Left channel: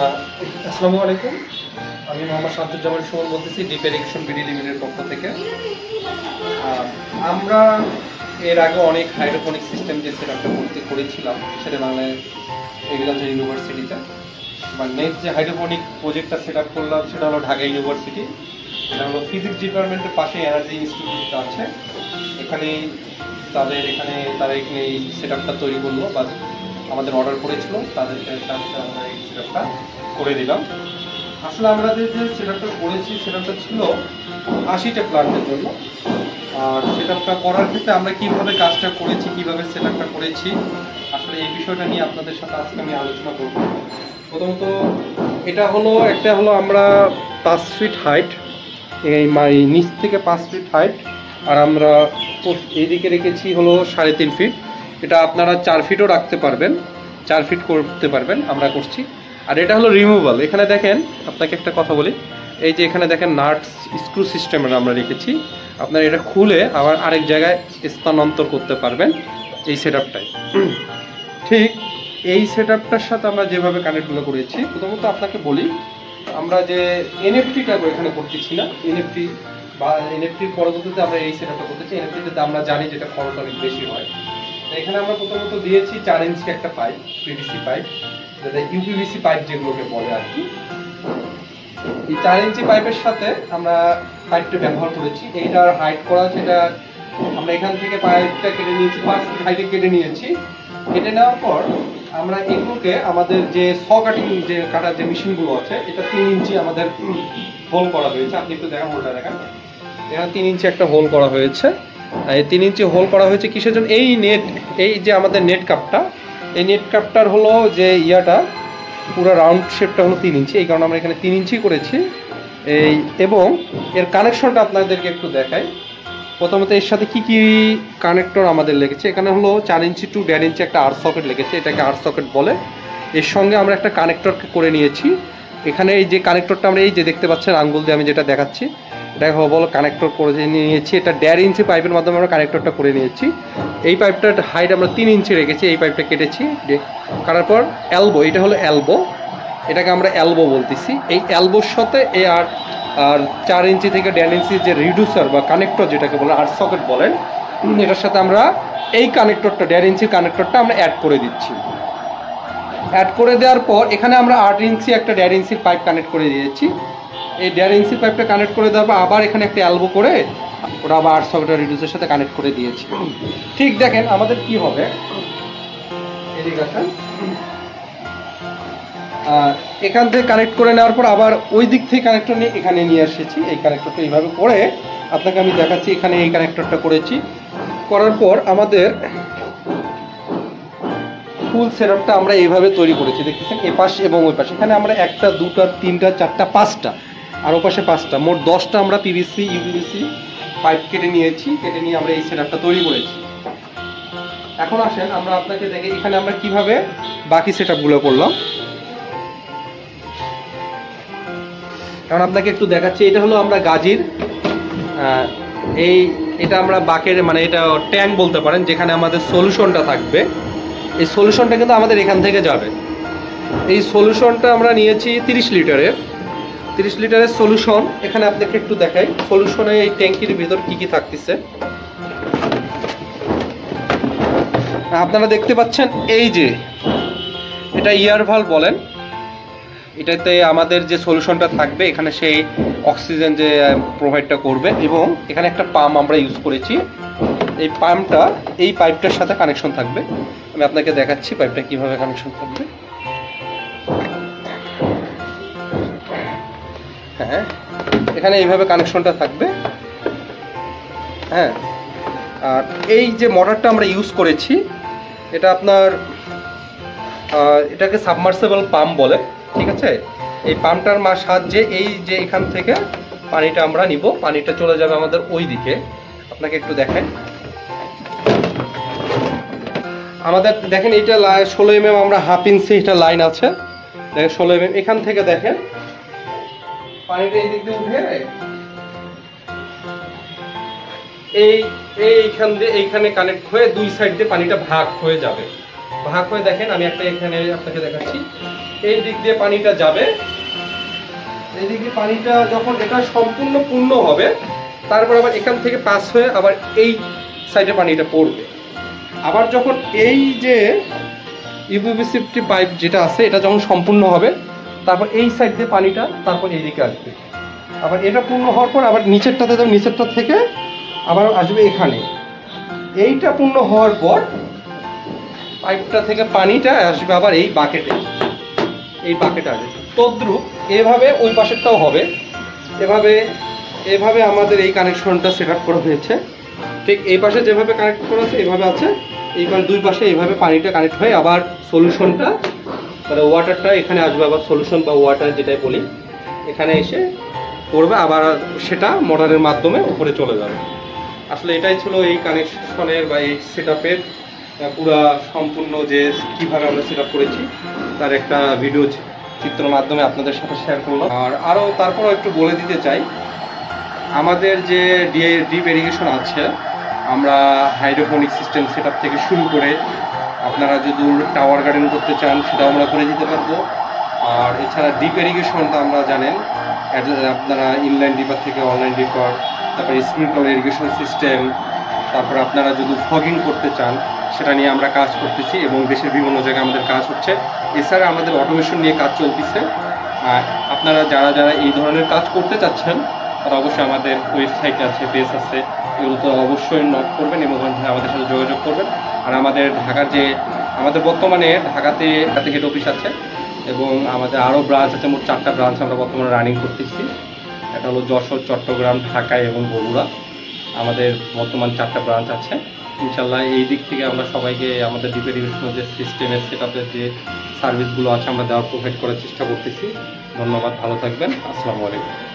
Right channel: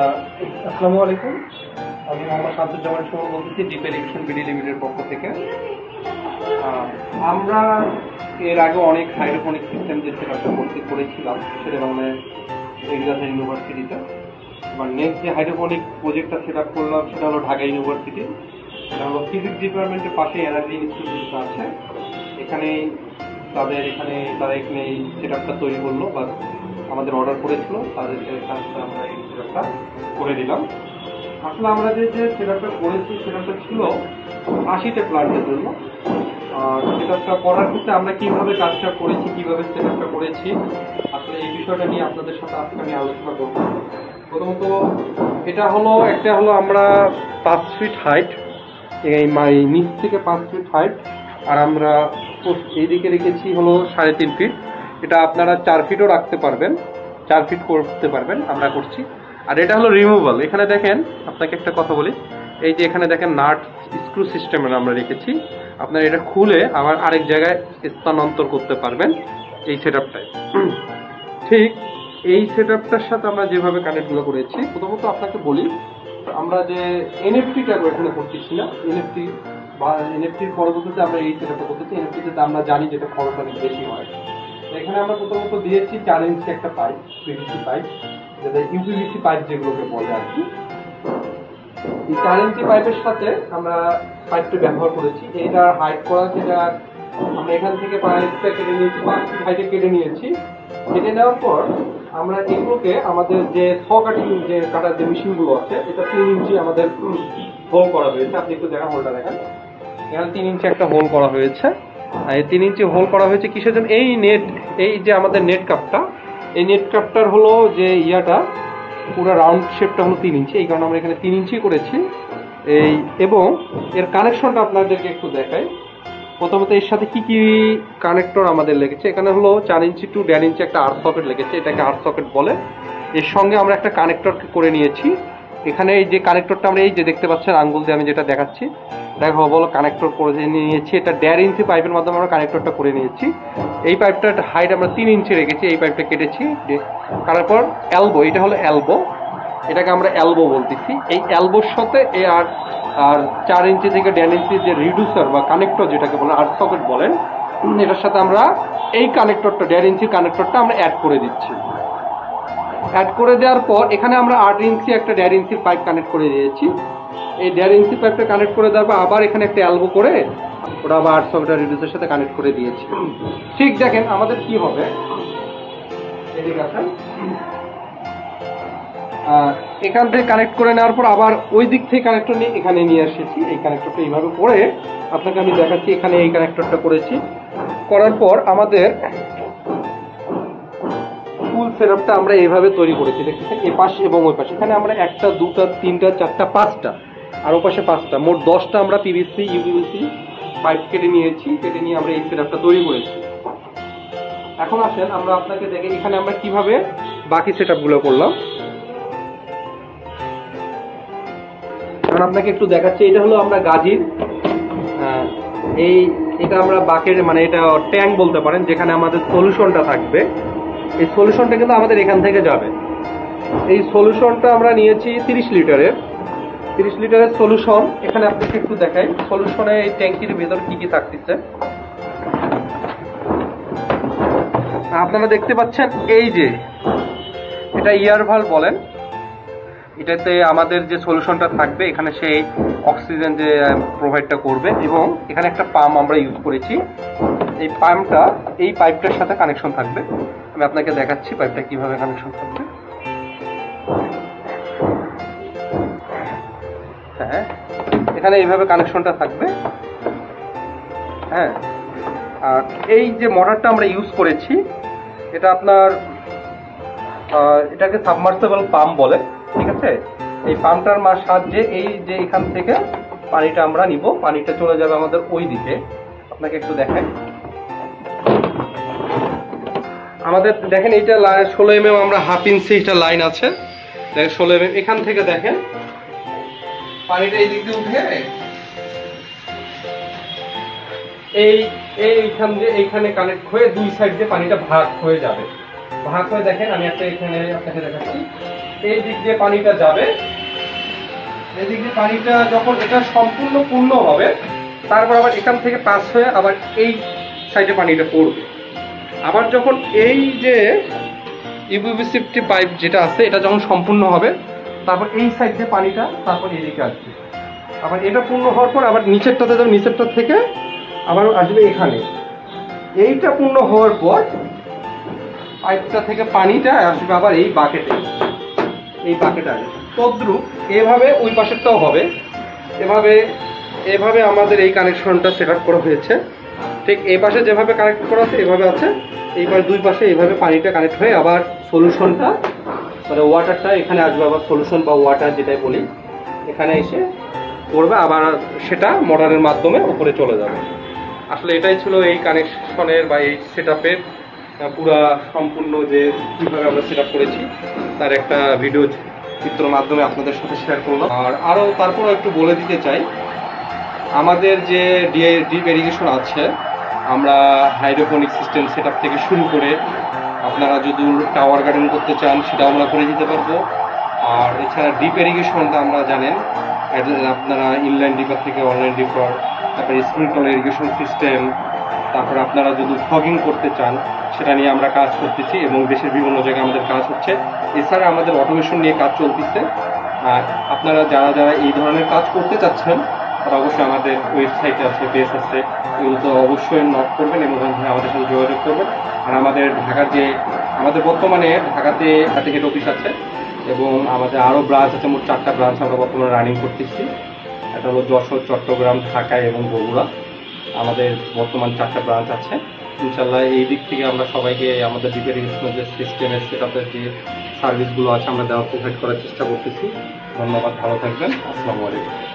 আসসালামু আলাইকুম। আমি মোহাম্মদ শামসুজ্জামান সুমন বলতেছি ডিপ ইরিগেশন বিডি লিমিটেডের পক্ষ থেকে। আমরা এর আগে অনেক হাইড্রোপনিক সিস্টেম যে সেটআপটা করেছিলাম শেরেবাংলা এগ্রিকালচার ইউনিভার্সিটিতে। মানে নেক্সট যে হাইড্রোপনিক প্রজেক্টটা সেট আপ করলাম সেটা হলো ঢাকা ইউনিভার্সিটি। এটা হলো ফিজিক্স ডিপার্টমেন্টের পাশে এনার্জি ইনস্টিটিউট আছে, তারা এখানে এই সেটআপটা তৈরি করলো বা আমাদের অর্ডার করেছিল, তাদেরকে আমরা এই সেটআপটা করে দিলাম। আসলে আমরা যে সেটআপটা করেছি সেটআপটা ছিল 80টা প্ল্যান্টের জন্য। আর সেটআপটা করার ক্ষেত্রে আমরা কিভাবে কাজটা করেছি, কিভাবে সেটআপটা করেছি, আসলে এই বিষয়টা নিয়ে আপনাদের সাথে আজকে আমি আলোচনা করব। প্রথমত এটা হলো আমরা 5 ফিট হাইট, এই নিচ থেকে 5 ফিট হাইট, আর আমরা এইদিকে রেখেছি হলো 3.5 ফিট। এটা আপনারা 4 ফিটও রাখতে পারবেন, 4 ফিট করতে পারবেন, আমরা করছি। আর এটা হলো রিমুভাল। এখানে দেখেন, আপনাকে একটা কথা বলি, এই যে এখানে দেখেন নাটস স্ক্রু সিস্টেমের আমরা রেখেছি। আপনারা এটা খুলে আবার আরেক জায়গায় স্থানান্তর করতে পারবেন এই সেটআপটায়। ঠিক এই সেটআপটার সাথে আমরা যেভাবে কানেক্টগুলো করেছি, প্রথমত আপনাকে বলি, আমরা যে এনএফটিটা এখানে করতেছি না, এনএফটির পরবর্তীতে আমরা এই সেটআপটা করতেছি। এনএফটিতে আমরা জানি যেটা খরচ অনেক বেশি হয়। এখানে আমরা প্রথমত দিয়েছি 4 ইঞ্চি একটা পাইপ, পিভিসি পাইপ, যেটা ইউপিভিসি পাইপ যেগুলোকে বলে আর কি। এই 4 ইঞ্চি পাইপের সাথে আমরা পাইপটা ব্যবহার করেছি। এইটার হাইট করা, সেটা আমরা এখান থেকে পাইপটা কেটে নিয়েছি, 5 ফিট হাইটে কেটে নিয়েছি। কেটে নেওয়ার পর আমরা এগুলোকে আমাদের যে কাটিং যে কাটার যে মেশিনগুলো আছে, এটা 3 ইঞ্চি আমাদের হোল করা হয়েছে। আপনি একটু দেখেন, হোলটা দেখেন, এখানে 3 ইঞ্চি একটা হোল করা হয়েছে। এই 3 ইঞ্চি হোল করা হয়েছে কিসের জন্য? এই যে আমাদের নেট কাপটা, এই নেট কাপটার হলো যে ইয়াটা পুরো রাউন্ড শেপটা হলো 3 ইঞ্চি, এই কারণে আমরা এখানে 3 ইঞ্চি করেছি। এবং এর কানেকশনটা আপনাদেরকে একটু দেখাই। প্রথমত এর সাথে কি কানেক্টর আমাদের লেগেছে, এখানে হলো 4 ইঞ্চি টু 1.5 ইঞ্চি একটা আর সকেট লেগেছে, এটাকে আর সকেট বলে। এর সঙ্গে আমরা একটা কানেক্টর করে নিয়েছি। এখানে এই যে কানেক্টরটা আমরা এই যে দেখতে পাচ্ছেন আঙ্গুল দিয়ে আমি যেটা দেখাচ্ছি, দেখো বলো কানেক্টর করে নিয়েছি। এটা 1.5 ইঞ্চি পাইপের মাধ্যমে আমরা কানেক্টরটা করে নিয়েছি। এই পাইপটার হাইট আমরা 3 ইঞ্চি রেখেছি। এই পাইপটা কেটেছি, কাটার পর এলবো, এটা হলো এলবো, এটাকে আমরা এলবো বলতেছি। এই এলবোর সাথে আর 4 ইঞ্চি থেকে 1.5 ইঞ্চি যে রিডিউসার বা কানেক্টর যেটাকে বলে আর সকেট বলেন, এটার সাথে আমরা এই কানেক্টরটা 1.5 ইঞ্চি কানেক্টরটা আমরা অ্যাড করে দিচ্ছি। অ্যাড করে দেওয়ার পর এখানে আমরা 8 ইঞ্চি একটা 1.5 ইঞ্চির পাইপ কানেক্ট করে দিয়েছি। এই 1.5 ইঞ্চি পাইপটা কানেক্ট করে দেওয়ার পর আবার এখানে একটা এলবো করে ওটা আবার আর সকেট রিডিউসারের সাথে কানেক্ট করে দিয়েছি। ঠিক দেখেন আমাদের কি হবে, এদিকে আসেন, এখান থেকে কানেক্ট করে নেওয়ার পর আবার ওই দিক থেকে কানেক্টর নিয়ে এখানে নিয়ে এসেছি। এই কানেক্টরটা এইভাবে করে আপনাকে আমি দেখাচ্ছি। এখানে এই কানেক্টরটা করেছি, করার পর আমাদের ফুল সেটআপটা আমরা এইভাবে তৈরি করেছি। দেখতেছেন এ পাশে এবং ওই পাশে, এখানে আমরা 1টা 2টা 3টা 4টা 5টা আর ও পাশে 5টা, মোট 10টা আমরা পিভিসি ইউপিভিসি পাইপ কেটে নিয়েছি। কেটে নিয়ে আমরা এই সেটআপটা তৈরি করেছি। এখন আসেন আমরা আপনাকে দেখে এখানে আমরা কিভাবে বাকি সেটআপগুলো করলাম। এখন আপনাকে একটু দেখাচ্ছি। এটা হলো আমরা গাজির, এটা আমরা বাকের মানে এটা ট্যাঙ্ক বলতে পারেন, যেখানে আমাদের সলিউশনটা থাকবে। এই সলিউশনটা কিন্তু আমাদের এখান থেকে যাবে। এই সলিউশনটা আমরা নিয়েছি 30 লিটারের সলিউশন। এখানে আপনাকে একটু দেখাই সলিউশনে এই ট্যাঙ্কির ভেতর কি কি থাকতেছে। আপনারা দেখতে পাচ্ছেন এই যে এটা ইয়ার ভালভ বলেন, এটাতে আমাদের যে সলিউশনটা থাকবে এখানে সেই অক্সিজেন যে প্রোভাইডটা করবে। এবং এখানে একটা পাম্প আমরা ইউজ করেছি। এই পাম্পটা এই পাইপটার সাথে কানেকশন থাকবে। আমি আপনাকে দেখাচ্ছি পাইপটা কিভাবে কানেকশন থাকবে। হ্যাঁ, এখানে এইভাবে কানেকশনটা থাকবে। হ্যাঁ, আর এই যে মোটরটা আমরা ইউজ করেছি, এটা আপনার এটাকে সাবমার্সিবল পাম্প বলে, ঠিক আছে। এই পাম্পটার সাহায্যে এই যে এখান থেকে পানিটা আমরা নিব, পানিটা চলে যাবে আমাদের ওই দিকে। আপনাকে একটু দেখেন, আমাদের দেখেন এইটা 16 mm আমরা 1/2 ইঞ্চি এটা লাইন আছে, দেখেন 16 mm। এখান থেকে দেখেন পানিটা এই দিক দিয়ে উঠে এইখান দিয়ে এইখানে কানেক্ট হয়ে দুই সাইড দিয়ে পানিটা ভাগ হয়ে যাবে। ভাগ হয়ে দেখেন, আমি একটা এখানে আপনাকে দেখাচ্ছি, এই দিক দিয়ে পানিটা যাবে। এই দিক দিয়ে পানিটা যখন এটা সম্পূর্ণ পূর্ণ হবে, তারপর আবার এখান থেকে পাস হয়ে আবার এই সাইডে পানিটা পড়বে। আবার যখন এই যে ইউপিভিসি পাইপ যেটা আছে এটা যখন সম্পূর্ণ হবে, তারপর এই সাইড দিয়ে পানিটা তারপর এদিকে আসবে। আবার এটা পূর্ণ হওয়ার পর আবার নিচেরটাতে যাবে, নিচেরটা থেকে আবার আসবে এখানে। এইটা পূর্ণ হওয়ার পর পাইপটা থেকে পানিটা আসবে আবার এই বাকেটে, এই বাকেটে আসবে। তদ্রুপ এভাবে ওই পাশেরটাও হবে। এভাবে এভাবে আমাদের এই কানেকশনটা সেট আপ করা হয়েছে। ঠিক এই পাশে যেভাবে কানেক্ট করা আছে এভাবে আছে, এইবার দুই পাশে এইভাবে পানিটা কানেক্ট হয়ে আবার সলিউশনটা মানে ওয়াটারটা এখানে আসবে, আবার সলিউশন বা ওয়াটার যেটাই বলি এখানে এসে পড়বে, আবার সেটা মোটরের মাধ্যমে উপরে চলে যাবে। আসলে এটাই ছিল এই কানেকশনের বা এই সেট আপের পুরো সম্পূর্ণ যে কীভাবে আমরা সেট আপ করেছি তার একটা ভিডিও চিত্রের মাধ্যমে আপনাদের সাথে শেয়ার করলাম। আর আরও তারপরও একটু বলে দিতে চাই, আমাদের যে ডিপ ইরিগেশন আছে, আমরা হাইড্রোপনিক সিস্টেম সেট আপ থেকে শুরু করে আপনারা যদি টাওয়ার গার্ডেন করতে চান সেটাও আমরা করে দিতে পারবো। আর এছাড়া ডিপ ইরিগেশনটা আমরা জানেন আপনারা ইনলাইন ডিপার থেকে অনলাইন ডিপার, তারপরে স্প্রিংকলার ইরিগেশন সিস্টেম, তারপর আপনারা যদি ফগিং করতে চান সেটা নিয়ে আমরা কাজ করতেছি এবং দেশের বিভিন্ন জায়গায় আমাদের কাজ হচ্ছে। এছাড়া আমাদের অটোমেশন নিয়ে কাজ চলতেছে। আর আপনারা যারা যারা এই ধরনের কাজ করতে চাচ্ছেন তারা অবশ্যই আমাদের ওয়েবসাইট আছে, পেজ আছে, এগুলো তো অবশ্যই নক করবেন এবং আমাদের সাথে যোগাযোগ করবেন। আর আমাদের ঢাকার যে আমাদের বর্তমানে ঢাকাতে হেড অফিস আছে এবং আমাদের আরও ব্রাঞ্চ আছে, মোট 4টা ব্রাঞ্চ আমরা বর্তমানে রানিং করতেছি। এটা হলো যশোর, চট্টগ্রাম, ঢাকা এবং বগুড়া। আমাদের বর্তমান 4টা ব্রাঞ্চ আছে। ইনশাল্লাহ এই দিক থেকে আমরা সবাইকে আমাদের ডিপ ইরিগেশনের যে সিস্টেমের সেট আপের যে সার্ভিসগুলো আছে আমরা দেওয়া প্রোভাইড করার চেষ্টা করতেছি। ধন্যবাদ, ভালো থাকবেন, আসসালামু আলাইকুম।